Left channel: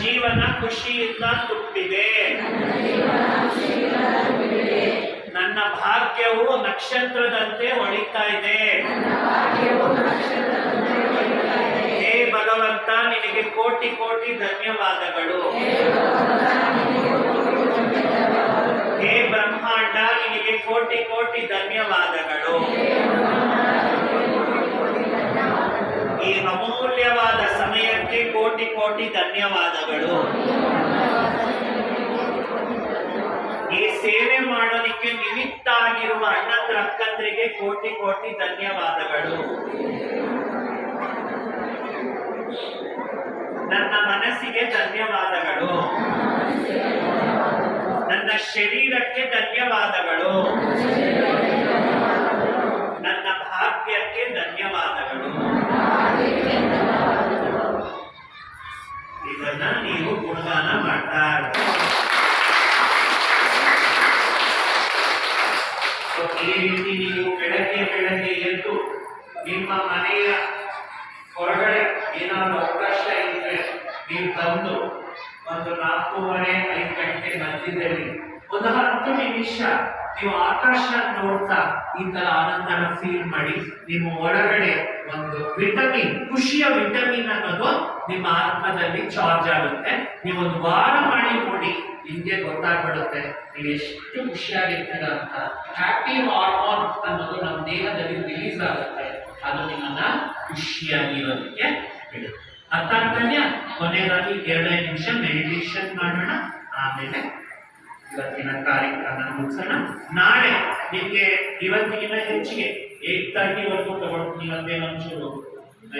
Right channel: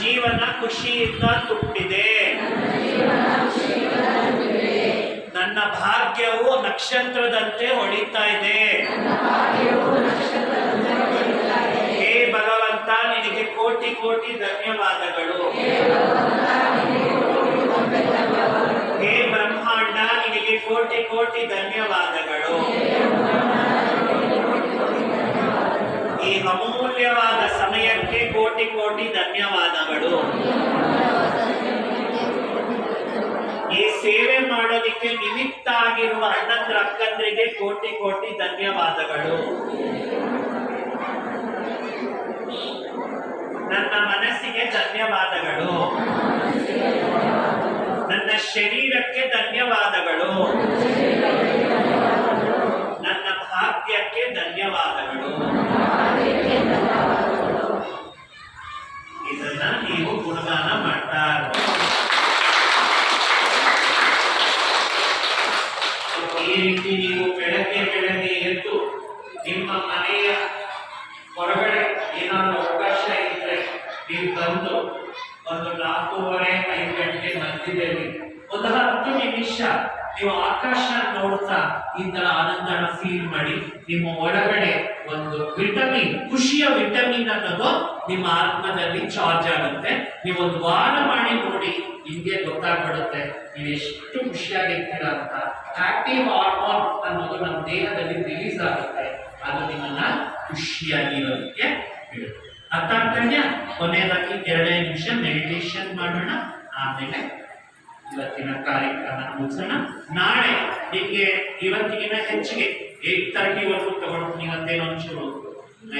ಜೀವನ ಖುಷಿಯಿಂದ ತುಂಬಿದೆ. ನನ್ನ ಭಾಗ್ಯವು ನಕ್ಷತ್ರದಂತೆ ಹೊಳಿತಾ ಇದೆ. ಹೇ ಭಗವಂತ, ನಿನಗೆ ಕೋಟಿ ಕೋಟಿ ಧನ್ಯವಾದಗಳು. ಹೇ ಬ್ರಹ್ಮಾಂಡ, ನಿನಗೆ ಕೋಟಿ ಕೋಟಿ ಧನ್ಯವಾದಗಳು. ಕೋಟಿ ಕೋಟಿ ಧನ್ಯವಾದಗಳು. ಈ ಸೇವೆ ಮಾಡೋದಿಕ್ಕೆ ನಿಮಿತ್ತ ಆಗಿರುವ ಅಣ್ಣಂದ್ರ ಅಕ್ಕಂದ್ರಿಗೆ ಕೋಟಿ ಕೋಟಿ ಧನ್ಯವಾದಗಳು. ನನ್ನ ಮನಸ್ಸಿಗೆ ಧನ್ಯವಾದಗಳು. ನನ್ನ ಶರೀರಕ್ಕೆ ಧನ್ಯವಾದಗಳು. ನನ್ನ ಭಾಗ್ಯಕ್ಕೆ ಧನ್ಯವಾದಗಳು. ಈ ರೀತಿ ನೀವು ಬೆಳಗ್ಗೆ ಬೆಳಗ್ಗೆ ಎದ್ದು ನಿಮ್ಮ ಮನೆಯ ಹೊರಗಡೆ ಏನಾದರೂ ಅವಕಾಶ ಇದ್ರೆ ನೀವು ಬಂದು ಒಂದು ನಾಲ್ಕೂವರೆ, ಐದು ಗಂಟೆ ಮಧ್ಯದಲ್ಲಿ ಒಂದು ಹತ್ತು ನಿಮಿಷ ನೀವು ಆಕಾಶ ನೋಡ್ತಾ ಈ ತರ ಆನಂದನ ಫೀಲ್ ಮಾಡಿ ನಿಮ್ಮ ಒಳಗಡೆ ಒಂದು ವಿಟಮಿನ್ ಖುಷಿಯ ವಿಟಮಿನ್ ಅನ್ನೋದು ನಿಮ್ಮ ಆತ್ಮದಲ್ಲಿ ಚಾರ್ಜ್ ಆಗುತ್ತೆ. ನೀವು ಒಂದು ವಾರ ಮಾಡಿ ನೋಡಿ, ನಿಮಗೆ ಗೊತ್ತಾಗ್ಬಿಡುತ್ತೆ. ನೀವು ಎಷ್ಟು ಖುಷಿಯಾಗಿರ್ತೀರ ಅಂತ. ಹ್ಯಾಪಿ ಹಾರ್ಮೋನ್ ಅನ್ನೋದು ನಮ್ಮ ದೇಹದಲ್ಲಿ ರಿಲೀಸ್ ಆಗುತ್ತೆ. ಅದು ನಿಮ್ಮನ್ನ ಖುಷಿಯಾಗಿರೋದಕ್ಕೆ ಬಿಡುತ್ತೆ. ಅರ್ಥ ಆಗ್ತಾನ ಕೊನೆಯದಾಗಿ ಎರಡನೇ ನಿಮಿಷ ಮೆಡಿಟೇಷನ್ ಮಾಡೋಣ. ಆಮೇಲೆ ಇವತ್ತಿನ ಕಾರ್ಯಕ್ರಮ ಮುಗಿಸೋಣ. ನಾಳೆ ನಿಮಗೆ ಇವತ್ತಿಗಿನ ಹೆಚ್ಚಿಗೆ ಏಟ್ ತರ್ಟಿವರೆಗೂ ಅದೇ ಒಂಚೂರು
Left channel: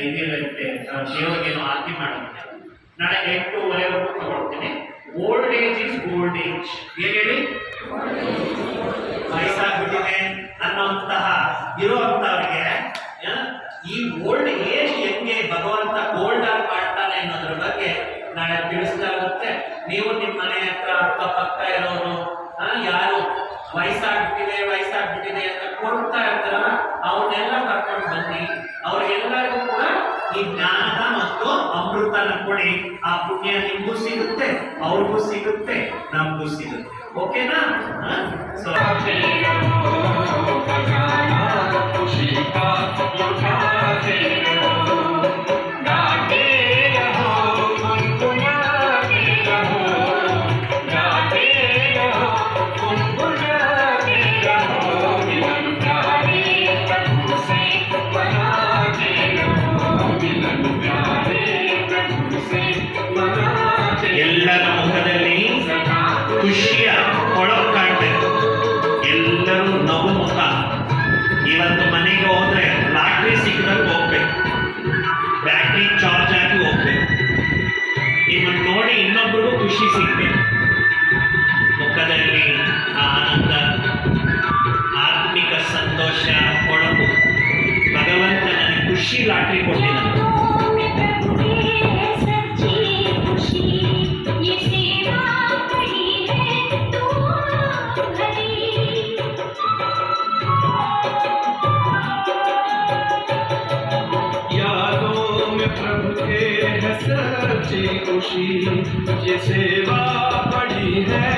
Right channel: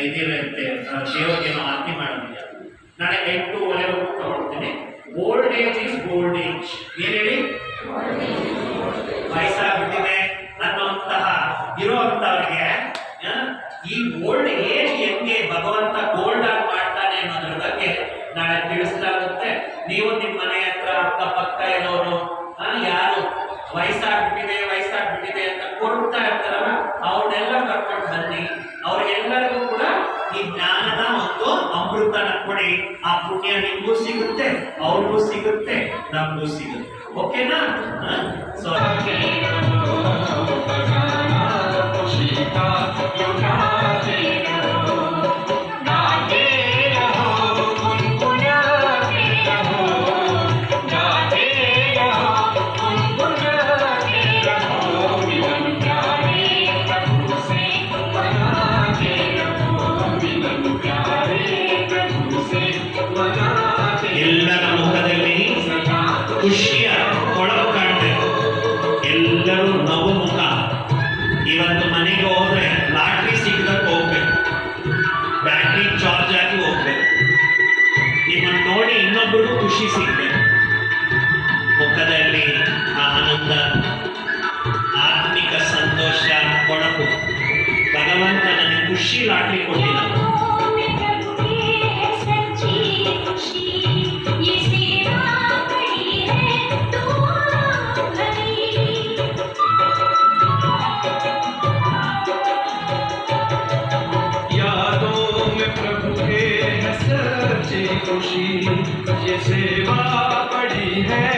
ಇದಿರುತ್ತೆ ದೇವರಿಗೇನೋ ಆರತಿ ಮಾಡೋದಿಲ್ಲ ನಾಳೆ ಎಂಟೂವರೆವರೆಗೂ ತಗೊಳ್ತೀನಿ. Old age is gold age ಏನ್ ಹೇಳಿ? ವಯಸ್ಸಾಗ್ಬಿಟ್ಟಿದೆ ಅನ್ನೋಂತಹ ಇರುವಂತವ್ರಿಗೆ ಈ ಓಲ್ಡ್ ಏಜ್ ಹೆಂಗೆ ಭಗವಂತ ಗೋಲ್ಡ್ ಆಗಿ ಮಾಡ್ತಾನೆ ಅನ್ನೋದ್ರ ಬಗ್ಗೆ ನಾಳೆ ತಿಳಿಸ್ಲಾಗುತ್ತೆ. ನೀವು ನಿಮ್ಮ ಮನೆ ಹತ್ರ ಅಕ್ಕಪಕ್ಕ ಇರೋರು ಯಾರು? ವಯಸ್ಸಾಗ್ಬಿಟ್ಟಿದೆ ವಯಸ್ಸಾಗ್ಬಿಟ್ಟಿದೆ ಅಂತ ಕೊಡ್ತಾ ನಿಮಗೂ ಸಿಗುತ್ತೆ ಅವ್ರಿಗೂ ಸಿಗುತ್ತೆ ನಮಗೂ ಸಿಗುತ್ತೆ ಓಕೆನಾ ಸೊ ಎಲ್ಲರ ಇನ್ನೊಬ್ಬರು ಖುಷಿ ಸಿಗ್ತದೆ ಮುಖದಲ್ಲಿ ಆ ಆನಂದ ಆತ್ಮಿಕ ಸಂತೋಷ ಕೊಳಕು ಭಗವಂತ ನನಗೆ ಖುಷಿ ಲಾಟ್ರಿ ಕೊಟ್ಟಿಲ್ಲ की तुझे सेवा बड़ी है।